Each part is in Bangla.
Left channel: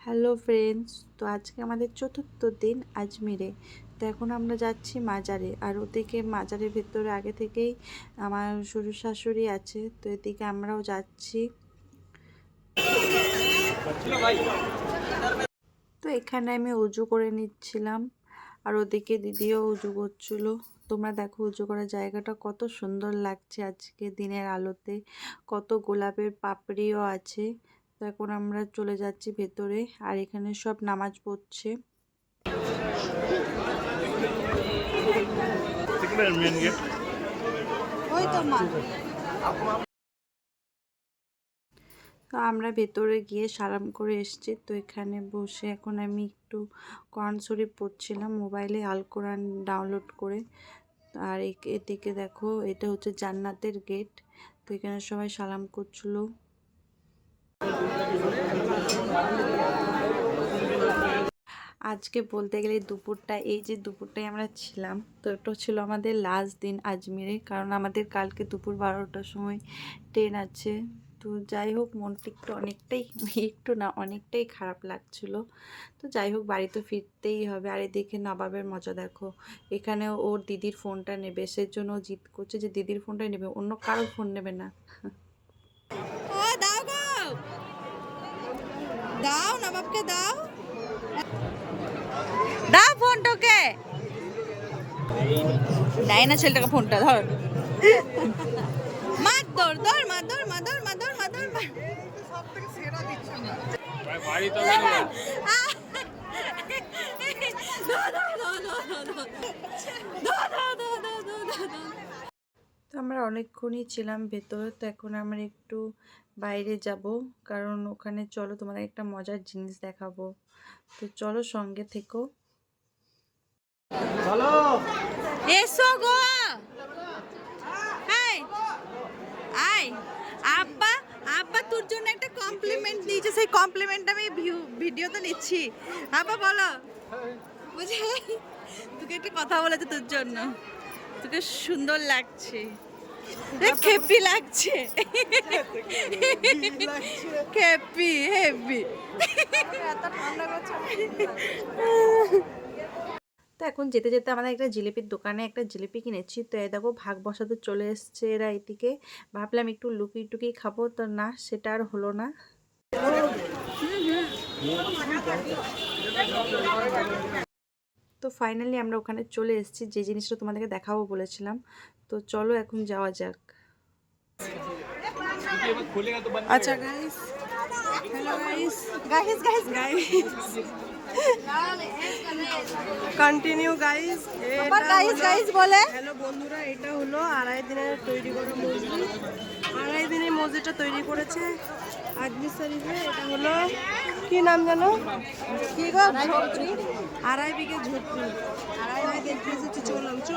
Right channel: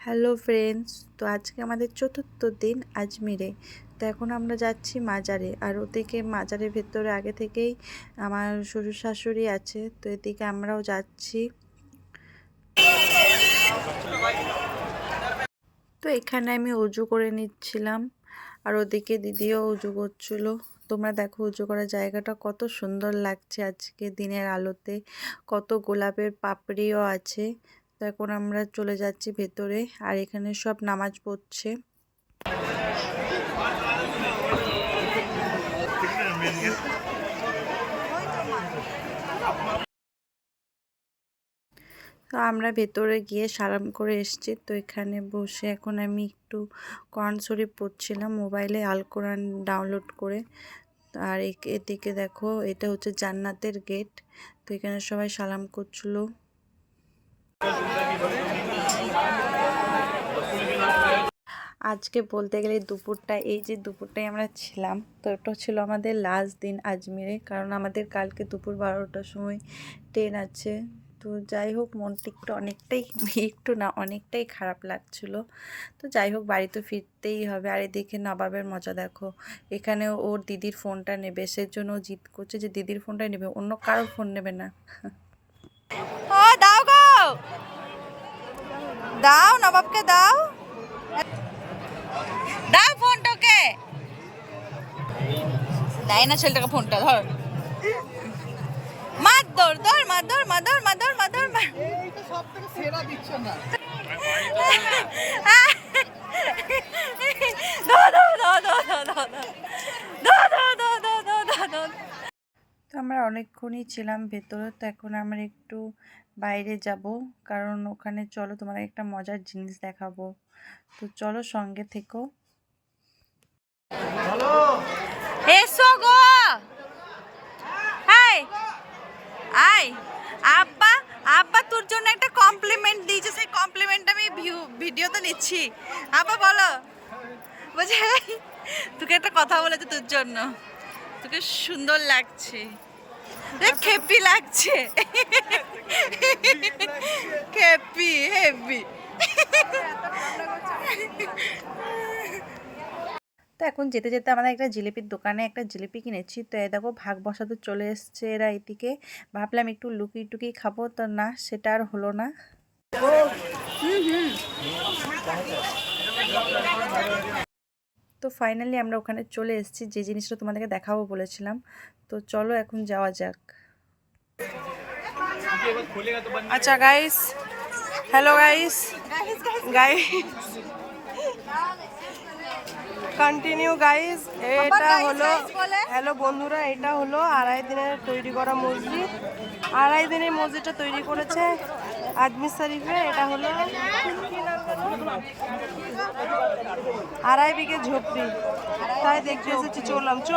হ্যালো ফ্রেন্ডস, তো আজকে আমাদের চতুর্থ দিন আজমিরে। তো এখন আমরা যাচ্ছি মাজারে আর ওদিকে মাজারের ভেতরে আগে থেকেই আমার শ্বশুর শাশুড়ি আছে, তো এদিকে আমরাও যাচ্ছি। তো এখানে আমি উজু করে নিচ্ছিলাম আর ওদিকে দিদিও উজু করছিল। তোমরা দেখো উজু করার জায়গাটা কত সুন্দর লাগছে আজকে দিনের আলোতে, কত গোলাপের পাপড়িও আছে। এখন আমরা চলে যাচ্ছি ভেতরে, আর এখানে সব নামাজ পড়ছে। তো আমরা ভেতরে গিয়ে সালাম করে এসেছি। তো এখানে বসে এখন আমি একটু কোরআন শরীফ পড়ছিলাম, মোবাইলে আল কোরআন ডাউনলোড করে। আর এদিকে দেখো, এটা হচ্ছে জান্নাতের গেট তো এখানে সবাই সালাম করছিল। আজকে বলতে গেলে দুপুরটা, এই যে দুপুরটাই আমরা ছিলাম, তো এটা ছিল আমাদের লাস্ট দিন আজমিরে, কারণ আমাদের কালকে দুপুর বারোটার সময় ট্রেন আছে। তো যাই হোক, মনটা একটু অনেকটাই, একটু না, অনেকটাই খারাপ লাগছিল। তো যাই হোক, বাড়ি তো ফিরতেই হবে। আর এদিকে নবাবের মজা দেখো, এখানে ওর দিদির ফোনটা নেবে, সেজন্য ও জিদ করছে যে দিদির ফোনটাই নেবে, অন্য কারোর ফোন নেবে না। দাও। নবাবকে দাও। দাও ফোনটাকে। দেয় না ছেলেটাকে ফোনটা ধর। মার ধর দর মার দর মার দর মার দর মার দর মার অনেকক্ষণই ছিলাম ভেতরে তো এখন আমার একটু বাইরে যাব। কারণ ওখানে চলো তোমার একটা মজার জিনিস দেখাবো। তো চলো সঙ্গে থেকো। এসো গো! হাই আই আব্বা আব্বা তোর জন্য একটা কমপ্লিমেন্ট দিয়েছে। সেই কমপ্লিমেন্ট আমি ভিডিওতে নিচ্ছি। আব্বা বলো। বলছে "এই, তোকে একটা কথা বলেছে তোর জন্য। তোকে সুন্দর লাগছে। খেপি লাগছে। খেপি হেপি তো এখন যেতে যেতে আমাদের একটা জিলিপির দোকানে একটা জিলিপি কিনেছি, তো এই দেখো ভাগ বসাতে চলে এসছে এরা এদিকে। ভাবলাম একটু লুকিয়ে টুকিয়ে খাব, তো না, সেটা আর হলো না। তো ফাইনালি আমরা ওখানে চলে এসেছি। যে জিনিসটা তোমাদেরকে দেখাবো বলেছিলাম। তো চলো এখন যাওয়া যাক। আচ্ছা guys hello guys guys continue guys এটা হলো হ্যালো বন্ধুরা এটা হলো আড়াই দিনের তৈরি করা মসজিদ। আড়াই দিনের মসজিদটা তৈরি করেছে আজমির শরীফে, এটা হলো, কি নাম জানো আড়াই বিঘে ঝোপড়ি। তাই দেখতে এসেছি, চললাম চ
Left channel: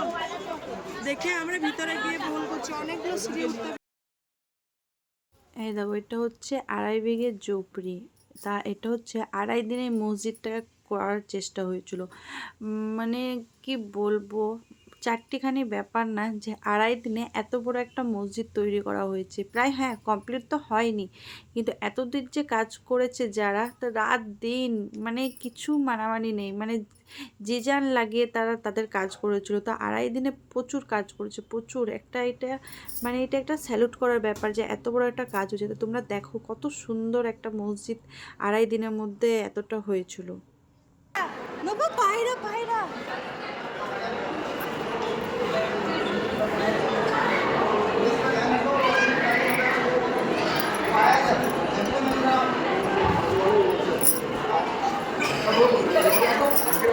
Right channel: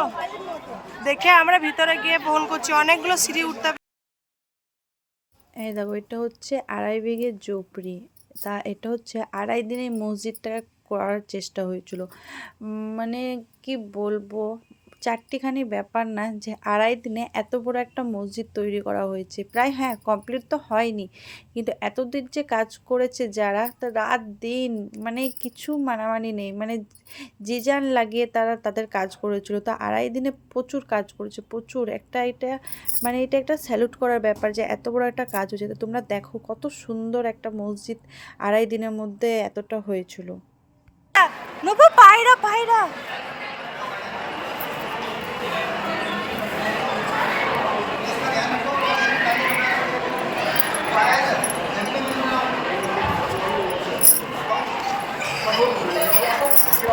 দেখে আমরা ভিতরে গিয়ে ফোন করছি। অনেকগুলো সিঁড়ি উঠতে। এই দেখো, এটা হচ্ছে আড়াই বিঘে জোপড়ি তা এটা হচ্ছে আড়াই দিনে মসজিদটা করার চেষ্টা হয়েছিল। মানে কি বলব? চারটিখানি ব্যাপার না যে আড়াই দিনে এত বড় একটা মসজিদ তৈরি করা হয়েছে। প্রায় হ্যাঁ কমপ্লিট তো হয়নি। কিন্তু এতদিন যে কাজ করেছে যারা, তো রাত দিন মানে কিছু মানামানি নেই। মানে যে যান লাগিয়ে তারা তাদের কাজ করেছিল। তো আড়াই দিনে প্রচুর কাজ করেছে, প্রচুর। একটা এটা মানে এটা একটা স্যালুট করার ব্যাপার যে এত বড় একটা কাজ হয়েছে। তো তোমরা দেখো কত সুন্দর একটা মসজিদ আড়াই দিনের মধ্যে এতটা হয়েছিল। পায়রা পায়রা।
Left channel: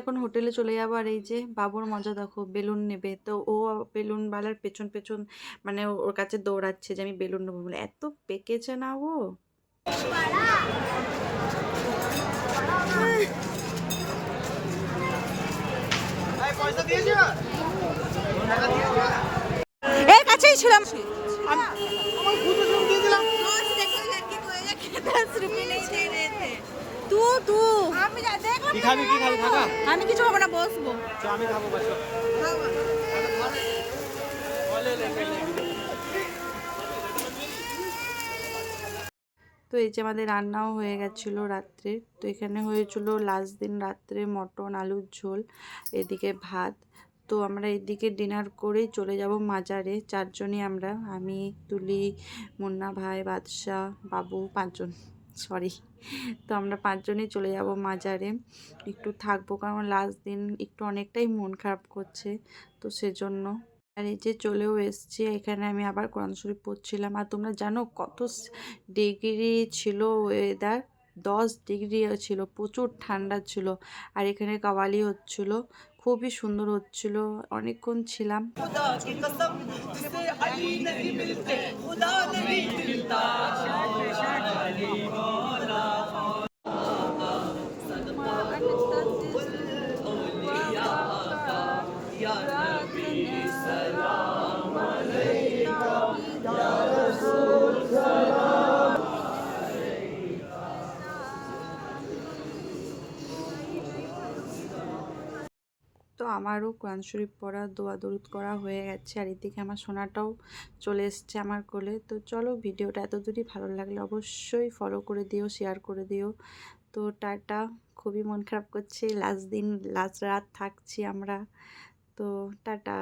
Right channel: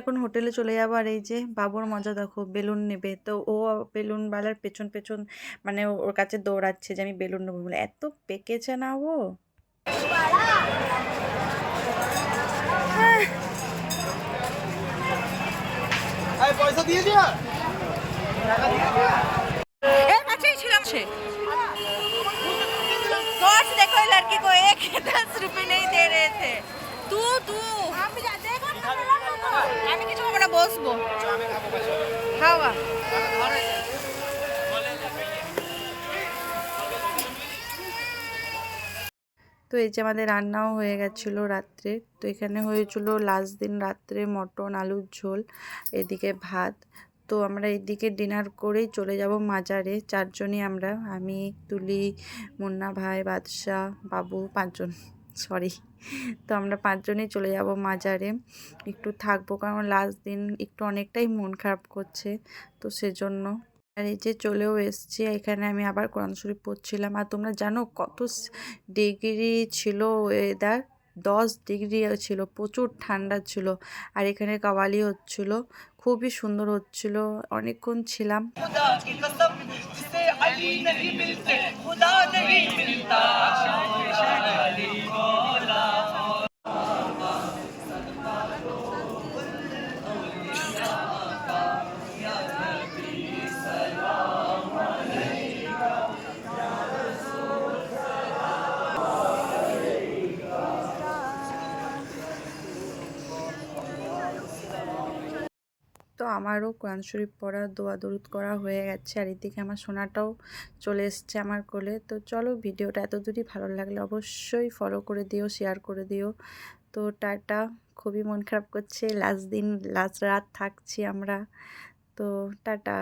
এখন হোটেলে চলে যাবো আর এই যে বাবুর মজা দেখো বেলুন নেবে তো ও বেলুনওয়ালার পেছন পেছন মানে ওর কাছে দৌড়াচ্ছে যে আমি বেলুন নেবো বলে এত পেকেছে না ও এর কাছেই ছিলাম সে कौन से देखो ये लड़की को एक दस रुपए नहीं दे रहे थे तू तू আমি কিছু খাব না বসবো। খাওয়া। তো এই যে আমাদের রান্নাও হয়ে গেছিল রাত্রে। তো এখানে হয়েছিল লাস্ট দিন রাত্রে মটন আলুর ঝোল এদিকে ভাত। তো আমরা এদিকে ডিনার করেই চলে যাব মাজারে। চারজনই আমরা আমি তুলি মুন্না ভাই বাদশাহ বাবু পাঁচজন। সরি তো আমরা পাঁচজনই চলে যাব মাজারে। একটু থাকব কারণ লাস্ট দিন একটু অনেকটাই মন খারাপ করছে, তো সেজন্য। আর এই যে চলেও এসছি, এখানে আমি আবার কোরআন শরীফ পড়ছিলাম। আর তোমরা জানো কত ডিগ্রি ছিল ওয়েদার দশ ডিগ্রি ছিল, প্রচুর ঠান্ডা ছিল। আর এখানে কাওয়ালি হচ্ছিল, খুবই সুন্দর হচ্ছিল। অনেকক্ষণ ছিলাম। তো আমারও কোরআন শরীফ পড়া, দোয়া, দরুদ করা হয়ে গেছে। আর এদিকে আমার সোনাটাও চলে এসছে আমার কোলে। তো চলো ভিডিওটা এত দূরই ভালো লাগলে অবশ্যই ফলো করে দিও শেয়ার করে দিও। তো টাটা। খুবই মন খারাপ করছে। লাস্ট দিন লাস্ট রাত থাকছি আমরা। তো টাটা।